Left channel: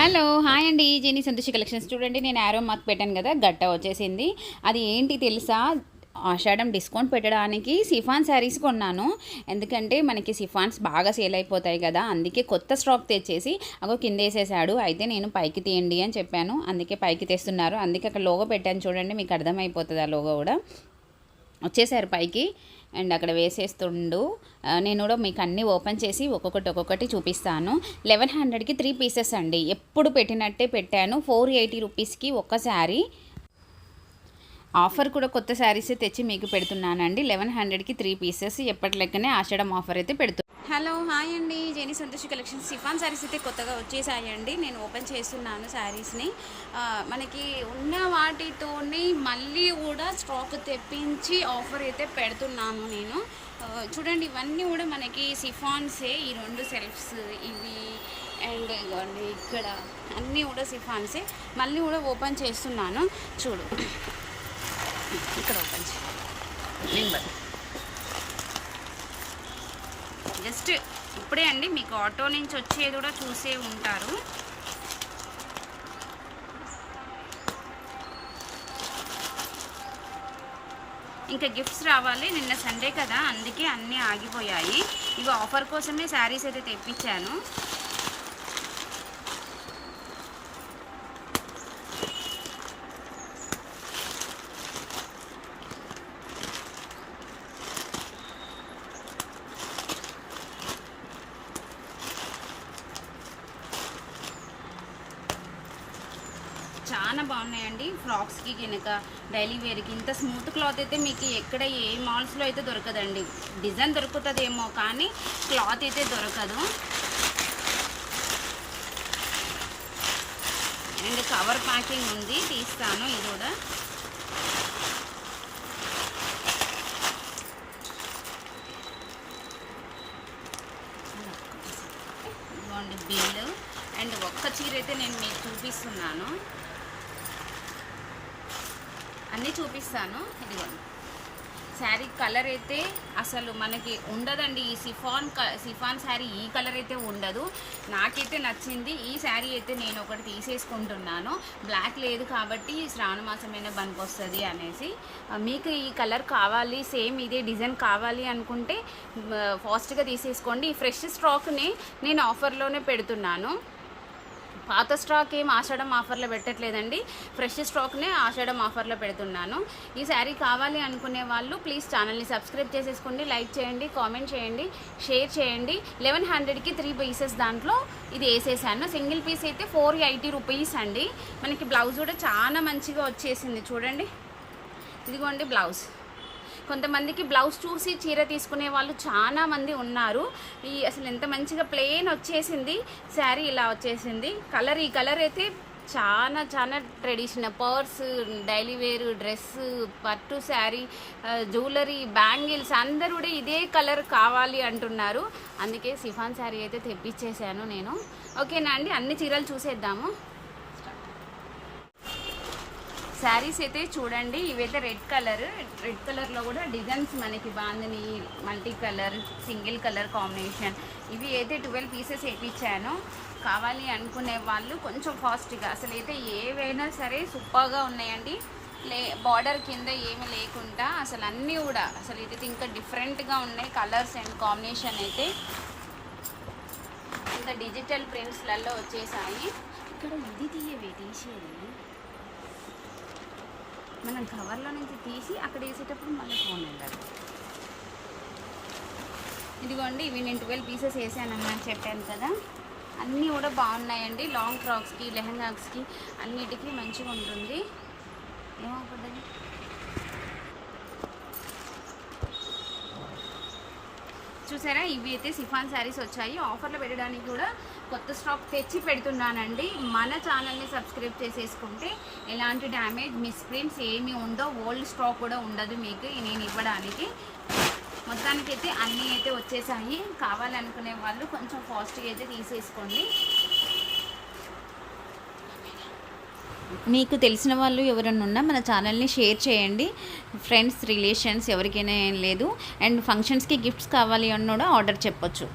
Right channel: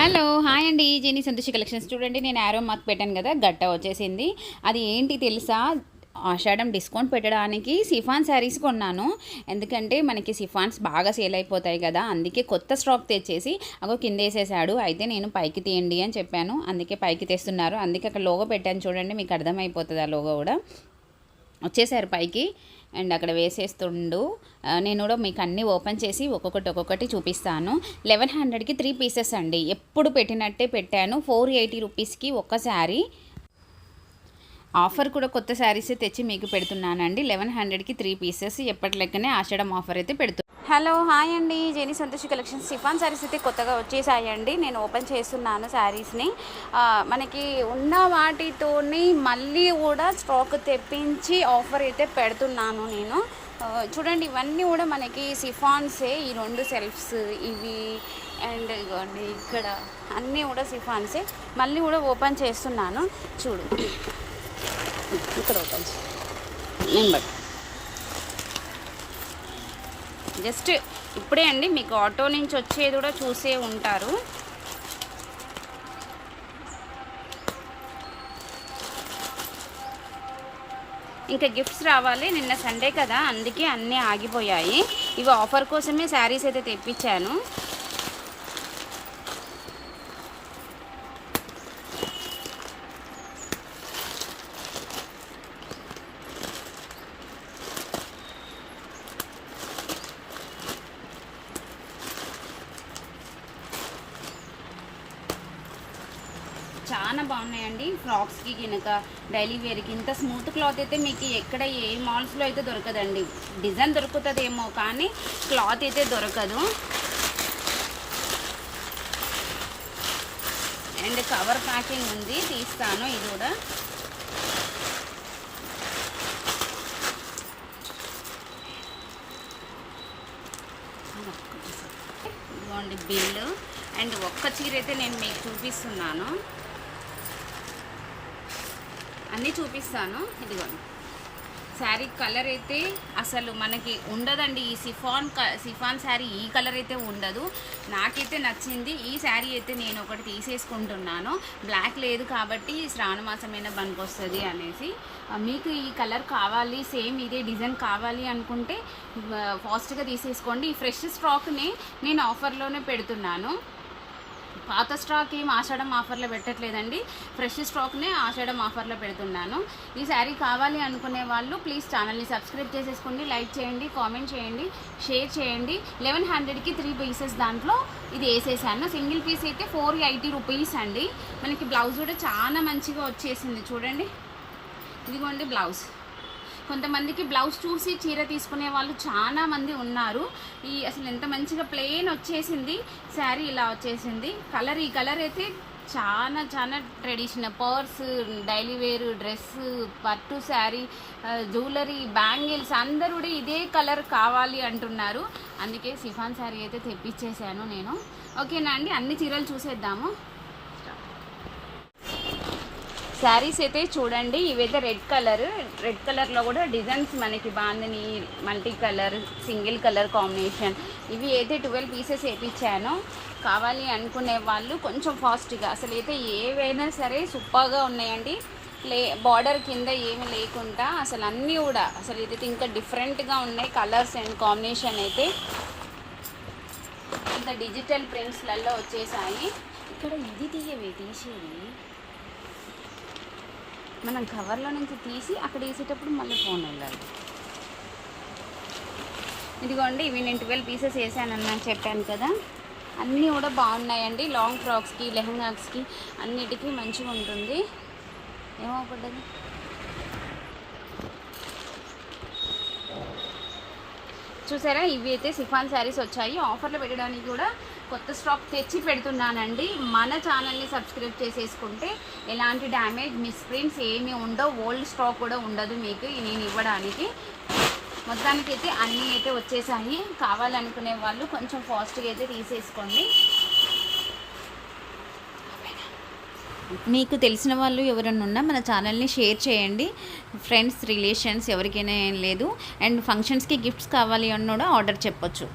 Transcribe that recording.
Hello hi అండి. Jeni Santoshi collections. చూడండి నేను యారో మార్క్ పెట్టాను కదా గట్ట వచ్చేసింది. అది ఏంటి తెలుసా? ఆషాఢం డిస్కౌంట్ పెట్టడానికి సిఫాన్ శారీస్ కొన్నాను. ఎందుకంటే మనకి సిఫాన్స్ బాగా సేల్ అయిపోతాయి కదా అందుకే కొత్త స్టాక్ తెచ్చేసి అగో కింద వేసేసాడు అయితే నేను పైకి తీయండి అని చెప్పాను. అందుకే పైకి తెస్తున్నారు. అందుకే అక్కడ లోగో పెట్టాను. చూడండి మీకు అర్థమైపోతుంది ఆ లోగో కూడా. వచ్చేసారు పైకి అండ్ అక్కడ వేసేస్తుండు. నేను కూడా మీకు అన్నీ ఓపెన్ చేసి ఒక్కొక్కటి ఒక్కొక్కటి చూపిస్తాను. లెవెన్ హండ్రెడ్కి త్రీ పీసెస్ అండి. ఎప్పుడు పెట్టినట్టే పెట్టాను. ఫోర్ ఎయిటీ రూపీస్కి ఒక శారీ. ఆఫర్ కూడా కొత్త శారీసే తెచ్చి మీకు పెడుతున్నానండి. లెవెన్ హండ్రెడ్కి త్రీ పీసెస్. ఎప్పటి లెక్కనే ఆషాఢం ఆఫర్ అయితే పెడుతున్నాను హలో హాయ్ అండి. జెనీ సంతోషి కలెక్షన్ సిఫాన్ శారీస్ అయితే కొత్తగా వచ్చేసాయండి. నేను ఓపెన్ చేస్తున్నాను శారీస్ని మనకి ఉన్న వాటితోని మళ్ళీ కూడా స్టాక్ తెప్పించి ఆఫర్ అయితే పెడుతున్నాను నేను. చూడండి ఇవన్నీ కూడా మనకి సిఫాన్సే ఈ రెండు సెల్ఫ్స్ ఇవి అండ్ ఇవ్వండి ఇక్కడ అన్నీ కూడా సిఫాన్సే మళ్ళీ కూడా ఓపెన్ చేస్తున్నాను. చూడు. ఇక్కడ ఓపెన్ చేయి. జస్ట్ ఇప్పుడే అండి మీకు ఆటో నుంచి వచ్చేది కూడా చూసే ఉంటారు. ఇంకా గిఫ్ట్స్ రావాలి నిన్న సండే కదా అందుకే అన్నీ ఆగిపోయాయి. ఇవి ఆఫర్ కోసమే శారీస్ అయితే తెప్పించాను. చాలా బాగున్నాయండి. ఫ్రాక్స్కి కనుక డైలీ వేర్కి. ఇంత స్మూత్ క్లాత్ అయితే మీకు ఎక్కడ ఏ మాల్స్లో అయితే దొరకదండి. డిజైన్ దొరుకుతుందేమో కానీ క్లాత్ అయితే దొరకదు. అండ్ కవర్ ప్యాకింగ్ ఉంది. తీస్తాను ఇది కూడా. ఇదిగోండి బిల్లు. అండ్ ఒక్క చీర అయితే నేను మీకు చూపిస్తున్నాను. అన్నీ చూపిస్తాను. ఇదిగోండి శారీ కలర్ అయితే అసలు మనకి ఉండదండి. ఈ సిఫాన్ క- సిఫాన్ శారీ ఈ కలర్ అయితే ఉండదు. నాకైతే నచ్చింది. ఈ శారీ అయితే నేను ఒకటి తీసేసుకుంటున్నాను. బ్లాక్ లేదు కాబట్టి శ్రావణ మాసమైన వస్తుంది అనేసి. మీకు ఈ కలర్ కావాలి సేమ్ ఇదే డిజైన్ కావాలి అనుకుంటే ఫాస్ట్గా తీసేసుకోండి. ఈ ఫ్రెష్ స్టాక్ని నేను ఆఫర్లోనే పెడుతున్నాను. పాత స్టాక్ ఏం ఆషాఢం ఆఫర్లో పెట్టట్లేదండి. ఫ్రెష్ స్టాక్నే ఆషాఢం ఆఫర్లో పెడుతున్నాను. ఈ శారీ కావాలి అనుకునే వాళ్ళు ప్లీజ్ ఛానల్ని సబ్స్క్రైబ్ చేసేసుకోండి లైక్ చేయండి కామెంట్ చేయండి షేర్ చేయండి. లెవెన్ హండ్రెడ్కి త్రీ పీసెస్ దాంట్లో ఇది వేసేసాను. సింగిల్ పీస్ అయితే ఫోర్ ఎయిటీ రూపీస్ అండి. మనకి బ్లౌజ్ కూడా చాలా మంచిగా వచ్చేసింది. చూడండి. ఇదిగోండి బ్లౌజ్. కొంతమందికి బ్లౌజ్ చూసి చీర తీసుకునే వాళ్ళు చాలా మంది ఉన్నారు. ఈ అసలు ఎంత మంచిగా ప్లెయిన్ వచ్చేసింది శారీ ఇలా వచ్చేసింది. కలర్ ఈ కలర్ అయితే చాలా చాలా traditional purse daily wear dress పట్టు శారీ జ్యువెలరీ బ్యాంగిల్స్ అందరూ కూడా ఇదే కలర్ కావాలి అంటున్నారు. అందుకే సిఫాన్ శారీ అయితే తెప్పించేశాను నేను. ఓకేనా అండి? అన్ని చీరలు చూసేద్దాము. శారీస్ అయితే చూడండి ఇవైతే రెడ్ కలర్. రెడ్ కలర్లో కూడా డిజైన్స్ మనకి బాగుందని multi colour single colour combination. ఇవి అయితే ట్వెల్వ్ పీసెస్ వేయించాను కావాలి అనుకునే వాళ్ళు కొంచెం ఫాస్ట్గా. అసలు అయితే ఏవైనా సరే సూపర్గా ఉన్నాయండి. లే బార్డర్ కింద ఏమి లేకుండా అసలు అన్నీ కూడా అసలు ఇదైతే ఇంకా డిఫరెంట్గా ఉన్నాయి కలర్స్ అండ్ కాంబినేషన్ అయితే. ఇంకా డిజిటల్ ప్రింట్స్లలో వచ్చేసాయి. ఇక్కడ ఇది తీయవి తీసేది మనం కవర్లో నుంచి తీసి అక్కడ వేసేటప్పుడు మళ్ళీ ఫోన్ వెళ్ళాలి ఇదిగోండి ఇవి నేను ట్వెల్వ్ పీసెస్ వేసానని చెప్పాను కదా. అన్నీ కూడా బాగున్నాయండి. లాంగ్ ఫ్రాక్స్కి లెహంగాస్కి అన్నిటికీ మంచిగా ఉంటుంది. ఏమో చూసారా? ఇవి అయితే సిఫాన్ శారీస్ వచ్చాయి. ఆఫర్లు పెట్టడానికి కూడా కొత్త స్టాక్ తెచ్చి పెడుతున్నానండి. మన ఛానల్ని సబ్స్క్రైబ్ చేసేసుకుంటే ఎలాంటి డ్యామేజ్ మిస్ప్రింట్స్ ఏమీ ఉండవు. ఓల్డ్ స్టాక్ కూడా ఉండదు మీకు నేను ఇవ్వడానికి. మొత్తానికి అయితే అన్నీ అయితే వచ్చేసాయి. కావాలనుకునే వాళ్ళు కొంచెం ఫాస్ట్గా అయితే తీసేసుకోండి. మీకు తెలిసిన వాళ్ళు ఎవరైనా ఉన్నా మన ఛానల్ని షేర్ చేయండి. ఫ్రెండ్స్ రిలేషన్స్ ఎవరికైనా ఏం లేదు. అండ్ ఫంక్షన్స్కి గిఫ్ట్స్ కావాలి అన్న కూడా ఆర్డర్ చెప్పొచ్చు.